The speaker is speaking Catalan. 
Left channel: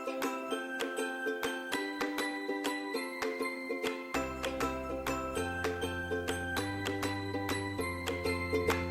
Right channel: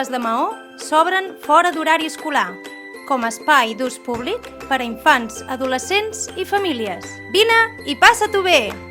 escoles de Maó s'obren fora d'horari escolar, com a espai d'ús públic per a infants, adolescents i famílies. Vine i passa-t'ho bé!